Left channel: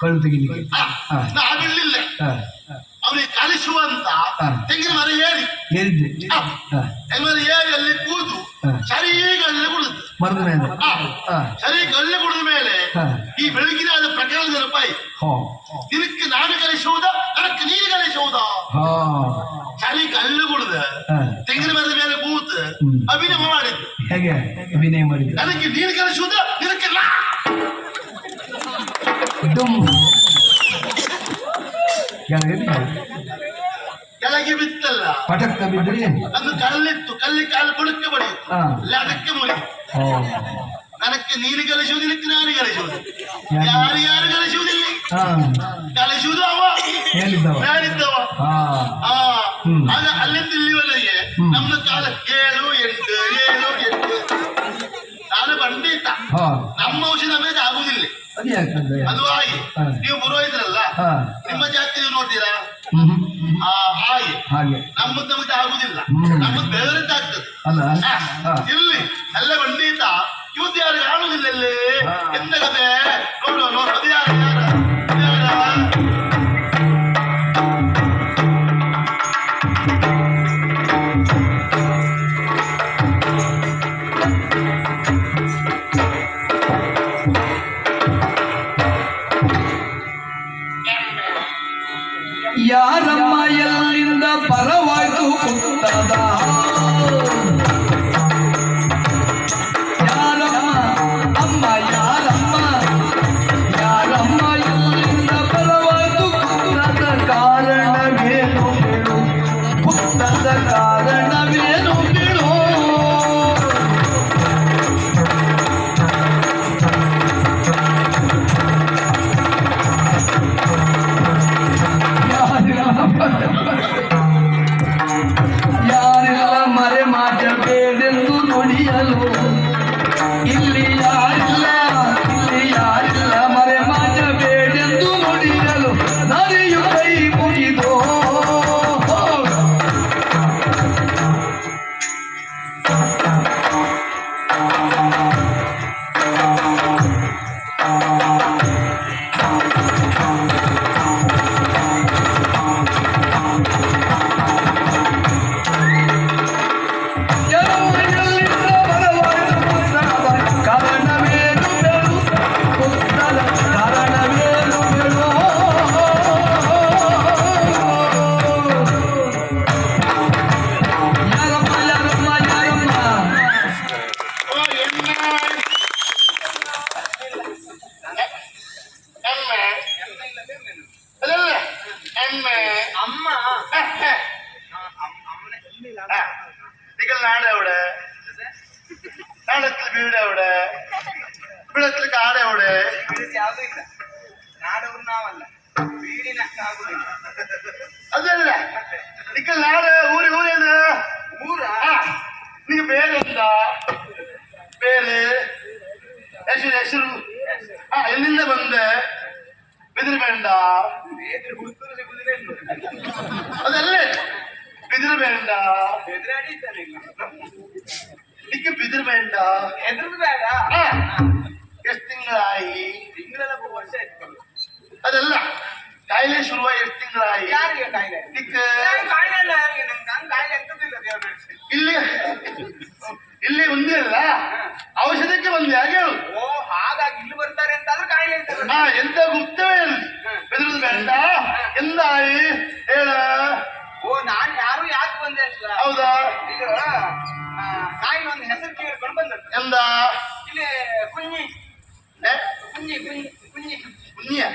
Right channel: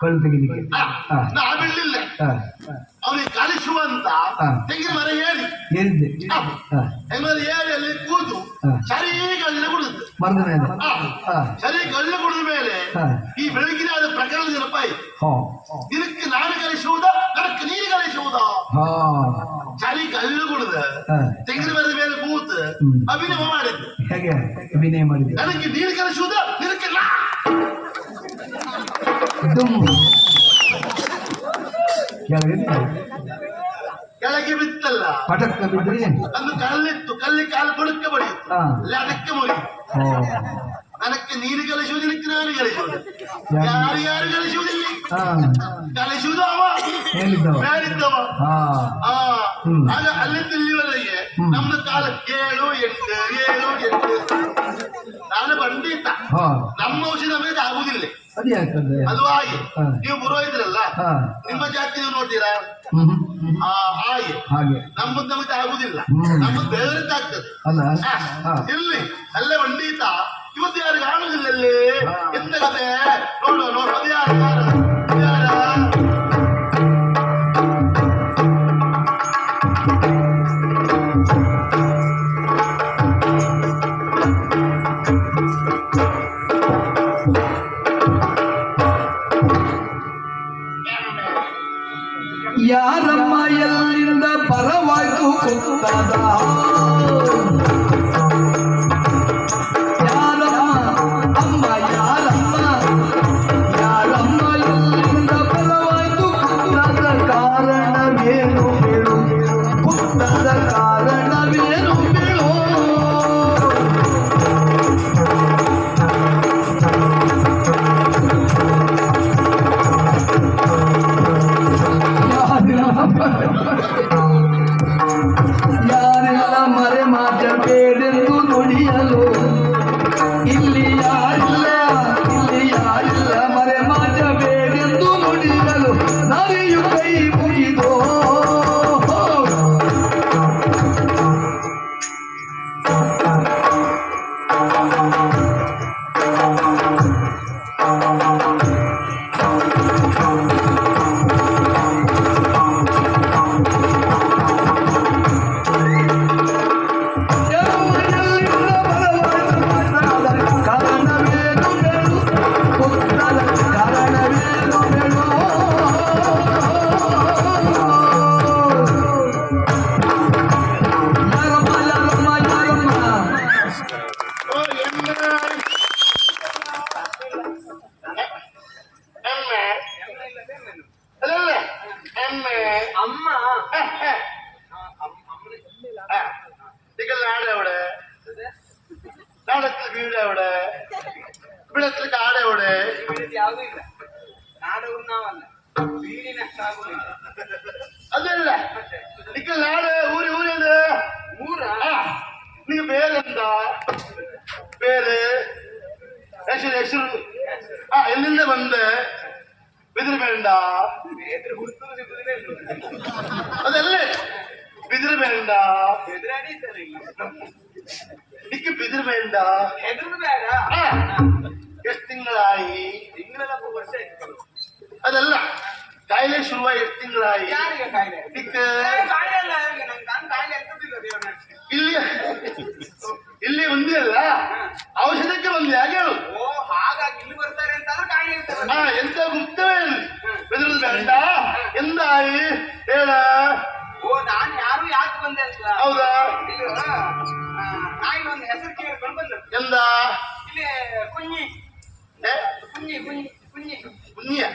ಕಳ್ಳು ತೆಗಿಲಿಕ್ಕೆ ನಾವೆಲ್ಲಿಲ್ಲ ಅವನಿಗೆ ಕಲಿಸುವಂತ ತೆಂಗಿನ ಮರ ಏರಿದ್ದೆ ಮರ ಏರಿ ಅಲ್ಲಿ ಕೂತು ಸರಿ ಗಳ್ಳೆ ಕುಡಿದು ಮರದ ಮೇಲೆ ಸರಿ ಗಳ್ಳೆ ಕುಡಿದ ಮೇಲೆ ಈ ಬೆಳಗಿನ ಆದ ಪ್ರಕರಣ ನೆನಪಾಯಿ ದಿನಕ್ಕೆ ನಾನು ಕಲಿಸುವುದಾ ನನಕ್ಕೆ ನೀನು ಕಲಿಸುವುದಾ ಸರಿ ಗಳ್ಳೆ ಕುಡಿದ ತೆಂಗಿನ ಮರದ ಮೇಲೆ ಕೂತು ಅಭಿನಯ ಮಾಡಿದ್ದು ಹೇಗೆ ಅಭಿನಯ ಮಾಡಿದ್ದು ನನಗೆ ನೀನು ಕಲಿಸುವುದಾ ನಿನಕ್ಕೆ ನಾ ಕೆಳಗೆ ಬಿತ್ತಲ್ಲ ಪಟಕ್ಕ ಬಿದ್ದರೆ ಅಂದು ಕಲ್ಲಿತ್ತು ಕಲ್ಲಿ ಕಾಲು ಬುಡಕ್ಕೆ ಬಡಿಯಿತು ಅದಕ್ಕೆ ಮುರಿ ನನಕ್ಕೆ ನೀನು ಕಲಿಸುವುದು ನಿನಕ್ಕೆ ನಾನು ಕಲಿಸುವುದು ಯಾರು ಕಲಿಸುವುದಿಲ್ಲ ಕಲಿಸುವುದು ಅವ ಹೇಳಿದ್ದವ ಆಗ ಅಲ್ಲಿಂದ ಇಲ್ಲಿವರೆಗೆ ನಮ್ಮ ಕಾಲ 7 8 ನಾನು ಪಂಡಿತ ನಮ್ಮ ಔಷಧ ನಮಗೆ ಆಗುವುದಿಲ್ಲ ಅದು ಹಾಗೆ ನೀವು ಪುರೋಹಿತರಲ್ಲ ನಿಮ್ಮ ಜಾತಿ ನೋಡ್ತೀರಾ ಹಾಗೆ ನಮ್ಮದು ನಮಗೆ ಆಗುದಿಲ್ಲ ನಮ್ಮದು ಬೇರೆದ್ದಾಗ್ತದೆ ಇಲ್ಲಿ ಎಲ್ಲ ಪಂಡಿತ ಇವತ್ತು ಯಾರು ಆಡುವುದಿಲ್ಲ ಇಲ್ಲಿ ಎಂತ ಕತೆ ನೋಡುವ ಅದು ಯಾರು ಯಾರಮ್ಮ ಎಲ್ಲಿಂದ ಪರವಾಯ್ತು ಗೊತ್ತಾದ ಯಾರಮ್ಮ ಅಮ್ಮ ಯಾರಮ್ಮ ಯಾರಮ್ಮ ಎಲ್ಲಿಂದ ಪರವಾಯ್ತು ಗೊತ್ತಾದ ಕಾರಣವೇನು ಗೊತ್ತಾದ ಕಾರಣವೇನು ಬಿಡು ಯಾರೆಲ್ಲ ಮರೆ ಮಾಡಬೇಡೆಂದು ನುಡಿಯಲು ಇಲ್ಲಿ ಯಾರಿಲ್ಲ ಮರೆ ಮಾಡಬೇಡೆಂದು ನುಡಿಯಲು ನರಿಯು ಕೈ ಮುಗಿದೋ നാടത്തിൽ വീട് എവിടെ ഇവിടത്തിൽ കാട് എവിടെ ಯಾವುದಿಲ್ಲ ನಾಡೂರು ನಾವಲ್ಲ വീടിನ അതല്ല നിക്ക നാട് ഊരേത് ಊರಾ ನಿಂಗೆ പേരെന്താ പേര് ಹೆಸರು ಎಲ್ಲಿಂದ ಬಂದೆ ಬಿದಿರು ಬೇಡ ಅದಲ್ಲೇ ಬಿದಿರು ಬೇಡ ನಿಕ್ಕೆ ಬಿದಿರು ಬೇಡ ಎಷ್ಟು ತಿಂಗಳಾಯಿ ವರ್ಷ ಆಯ್ತು ಅದಲ್ಲ ಕಾಯಿಲೆ ಶುರುವ ಎಷ್ಟು ತಿಂಗಳಾಯಿ ಇಲ್ಲಿ ಇಲ್ಲಿ ಒಂದೇ ಅಲ್ಲ ಔಷಧಕ್ಕೆ ಬಂದೆ ಹಾಗೆ ಓ ಹಾಗಾಗಿ ಇಲ್ಲಿ ಬರ್ತಾರೆ ಅಂತಾದ್ರೂ ಕಾಯಿಲೆ ಎಂತ ಗುಪ್ತವೇ ಅಲ್ಲಿ ಬೆದರುದು ಬೇಡ ಎಂದಾಯಿ ಹೇಳ ಓ ನಾನು ಯಾರು ಯಾಕೆ ಬಂದೆ ಅಂತ ಹೌದಾ ಇದು ನಾಯಿ ಒಂದು ಹೆಸರು ಕೇಳ್ಕೊಂಡು ಬಂದ ಎಂದ ಇಲ್ಲಿ ಕುഞ്ഞി ಕುഞ്ഞಿಯ